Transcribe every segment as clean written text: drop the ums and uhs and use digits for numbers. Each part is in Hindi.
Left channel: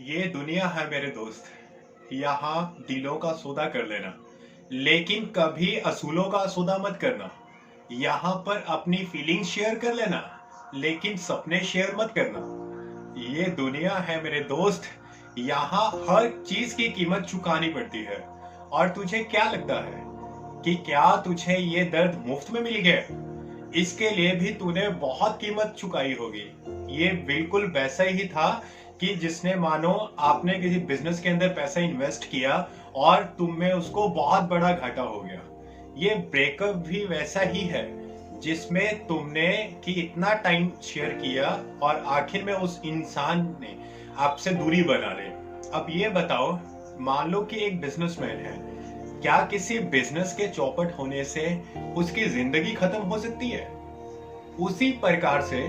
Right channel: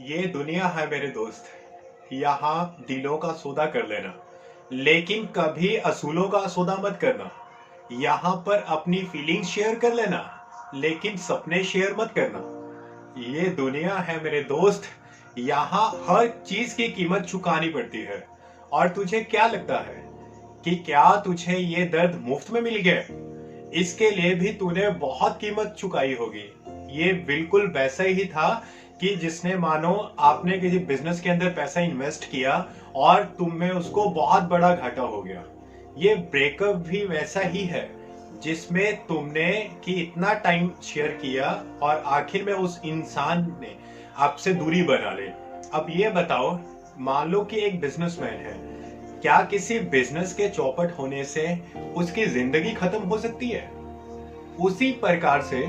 ये दुनिया है मेरे दोस्त। यहाँ दिलों का सौदा कर लेना, लेकिन कभी असूलों का सौदा मत करना। यहाँ पर अपनी फीलिंग्स शेयर कर लेना, लेकिन सपने शेयर मत करना। ये दुनिया है मेरे दोस्त। यहाँ हर चीज की कीमत चुकानी पड़ती है। और तुझे क्या लगता है कि क्या तुझे ये दर्द मुफ्त में मिल गया? इसके लिए भी तूने बहुत कीमत चुकाई होगी। ये बिल्कुल वैसा ही था कि जिसने मानो आपने किसी बिजनेस के अंदर पैसा इन्वेस्ट किया और तुम में उसको बहुत बड़ा घाटा हो गया। ये ब्रेकअप भी वैसा ही है जिसमें तुमने कि इतना टाइम शेयर किया और आखिर में उस इंसान ने आपसे दूरी बना ली। अब ये बताओ, मान लो कि एक बिजनेसमैन है, क्या किसी बिजनेस के चौपट होने से उसकी जिंदगी खत्म हो सकती है? उसी प्रकार से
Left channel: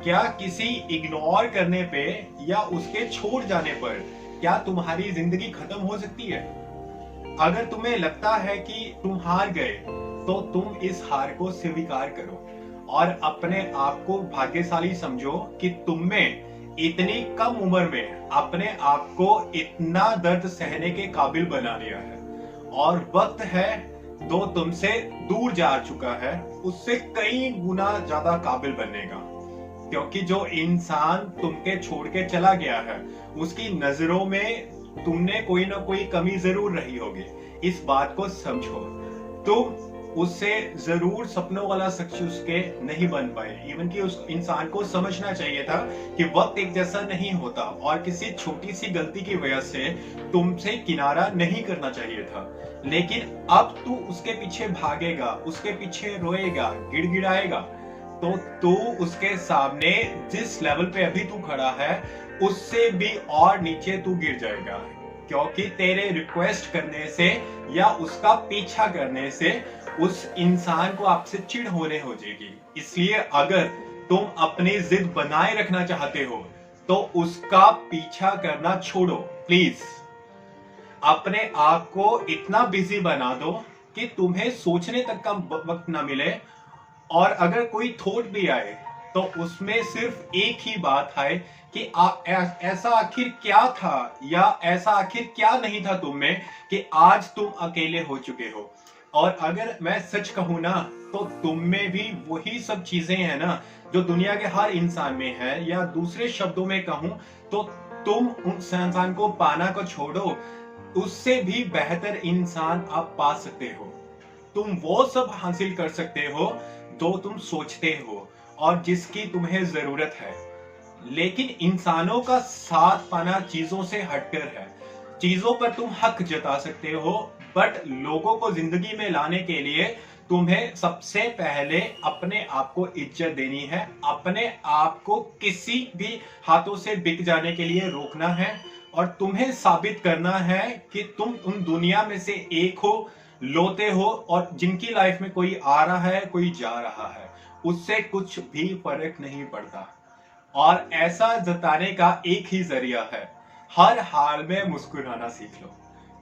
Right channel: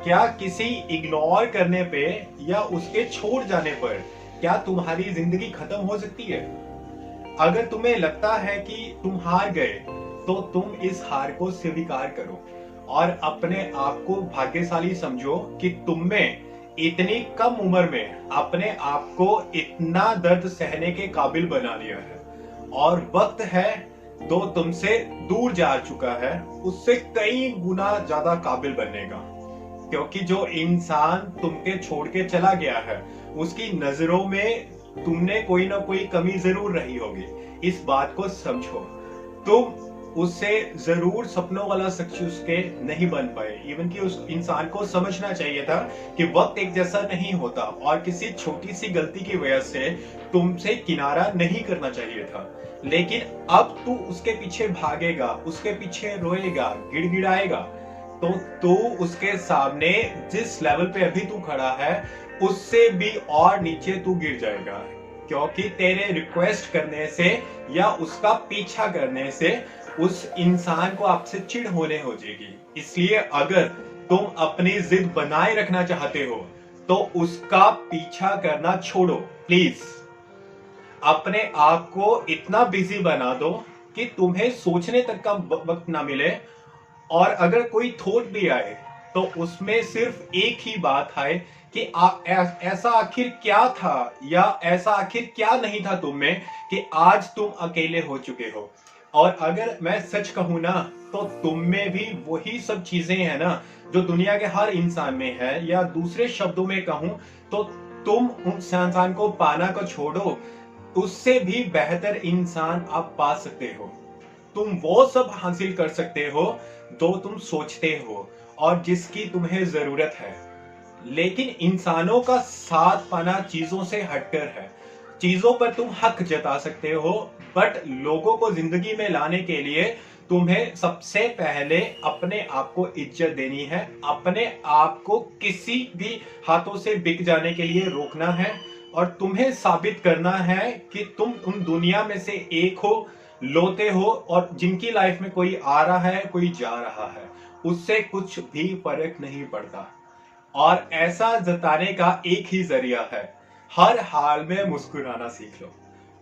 क्या किसी इग्नोर करने पे या उसके छोड़ जाने पर क्या तुम्हारी जिंदगी खत्म हो सकती है? अगर तुम्हें लगता है कि तुम हार गए, तो तुम इस हार को स्वीकार करो और अपने आप को भाग्यशाली समझो कि तुम में इतनी कम उम्र में अपने आप को इतना दर्द सहने के काबिल बना लिया है। और वक्त है जो तुमसे दूर जा चुका है उससे कई गुना ज्यादा काबिल बनने का। क्योंकि जो इंसान तुमके छोड़ के चला गया है उसकी नजरों में तुमने कोई ना कोई कमी जरूर रही होगी। इस बात को समझो। तुम उससे जरूर सपनों वाला शख्स उसके नहीं बन पाए। इवन कि उस इंसान को समझना चाहिए था कि वक्त एक जैसा नहीं होता और किसी छोटी सी गलती की वजह से तुमसे किनारा नहीं करना चाहिए था। लेकिन अब तू उसके पीछे भागेगा, उसके पीछे रोएगा, गिड़गिड़ाएगा, तो तू उसके सामने जिस लेवल पे अभी तू खड़ा है उससे भी और नीचे तू गिर जाएगा। क्योंकि तेरे रिक्वेस्ट करने से या उसका पीछा करने से उस इंसान को आपसे चिढ़ होने हो जाएगी। इसलिए अगर तुम अपनी जिद बनाए रखना चाहते हो तो उसका पीछा करना छोड़ो। प्लीज अपने आप को इतना बिजी बना दो कि तुम्हें सोचने तक का वक्त ना मिले। और अगर कोई थॉट भी आए तो उसमें सिर्फ एक ही बात आए कि ऐसा आखिर क्या था या ऐसा आखिर क्या नहीं था तुम में कि आज तुम अकेले हो चुके हो। और अगर मैं सच कहूं ना, तो तुम में भी वही सब चीजें हैं ना जो दुनिया के हर इंसान में है। या दूसरे शब्दों में कहूं तो तुम उस इंसान को पाना को छोड़ो, उससे भी बेहतर इंसान आप पा सकते हो। तुम वो सब हासिल कर सकते हो जो तुम सोचते हो और जिसकी तुम्हें जरूरत है। लेकिन इंसानों का साथ पाना चीजों से हटकर है। चीजों पर तुम हक जता सकते हो, बट लोगों को जिंदगी में लाने के लिए तुम्हें सबसे पहले अपने आप को इज्जत देनी है। अपने आप को किसी भी हाथों से बिक जाने के लिए रोकना है और तुम्हें साबित करना है कि तुम उन दुनिया में से एक हो, लोते हो, और जिनकी लाइफ में कोई आ रहा है कोई जा रहा है, उससे कुछ भी फर्क नहीं पड़ता। और ऐसा जताने का एक ही जरिया है, हर हाल में मुस्कुराना सीख लो।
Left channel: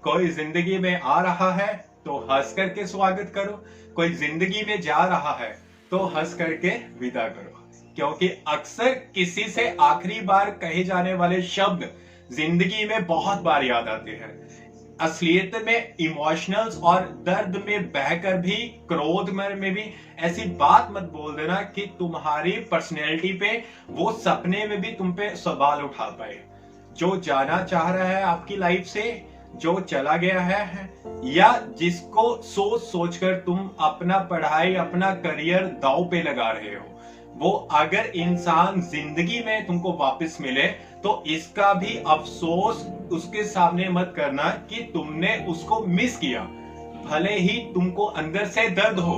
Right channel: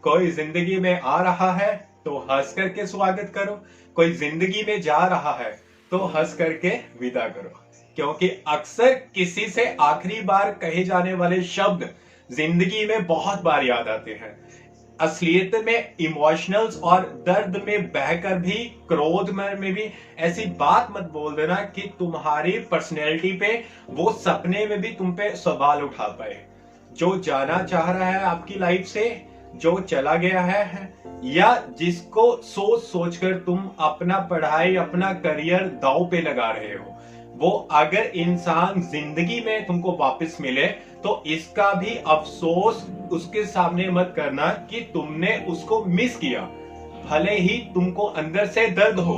कोई जिंदगी में आ रहा है तो हंस करके स्वागत करो, कोई जिंदगी में जा रहा है तो हंस करके विदा करो। क्योंकि अक्सर किसी से आखिरी बार कहे जाने वाले शब्द जिंदगी में बहुत बार याद आते हैं। असलियत में इमोशनल्स और दर्द में बहकर भी, क्रोध में भी ऐसी बात मत बोल देना कि तुम्हारी पर्सनैलिटी पे, वो सपने में भी तुम पे सवाल उठा पाए। जो जाना चाह रहा है आपकी लाइफ से, जो चला गया है, या जिसको सोच सोच कर तुम अपना पढ़ाई, अपना करियर दांव पे लगा रहे हो, वो अगर इंसान जिंदगी में तुमको वापस मिले तो इसका भी अफसोस उसके सामने मत करना कि तुमने उसको मिस किया। भले ही तुमको अंदर से दर्द हो,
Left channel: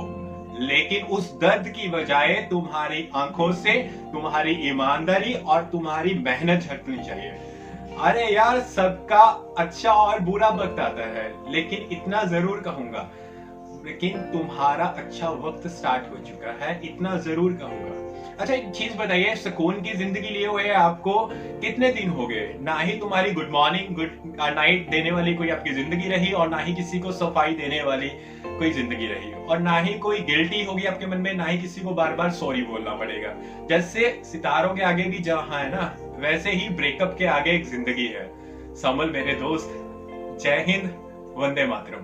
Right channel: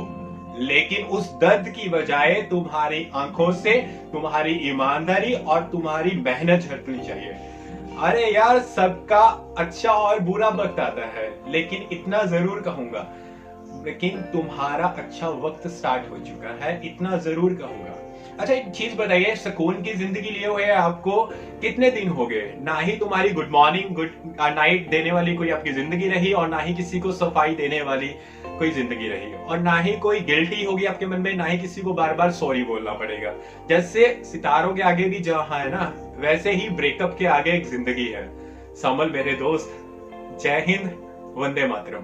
लेकिन उस दर्द की बजाय तुम्हारी आंखों से तुम्हारी ईमानदारी और तुम्हारी मेहनत झलकनी चाहिए। अरे यार, सबका अच्छा और बुरा वक्त आता है, लेकिन इतना जरूर कहूंगा, लेकिन तुम्हारा अच्छा वक्त स्टार्ट हो चुका है, इतना जरूर कहूंगा। अच्छा, एक चीज बताइए, सुकून की जिंदगी लिए हुए आपको कितने दिन हो गए? ना ही तुम्हारी गुड मॉर्निंग गुड नाइट देने वाली कोई आपकी जिंदगी रही, और ना ही किसी को सफाई देने वाली कोई जिंदगी रही, और ना ही कोई गिल्टी होगी आपके मन में, ना ही किसी को बार बार सॉरी बोलना पड़ेगा। जैसे सितारों के आगे भी जहां है ना वैसे ही ब्रेकअप के आगे एक जिंदगी है। समल मेरे दोस्त, जय हिंद, वंदे मातरम।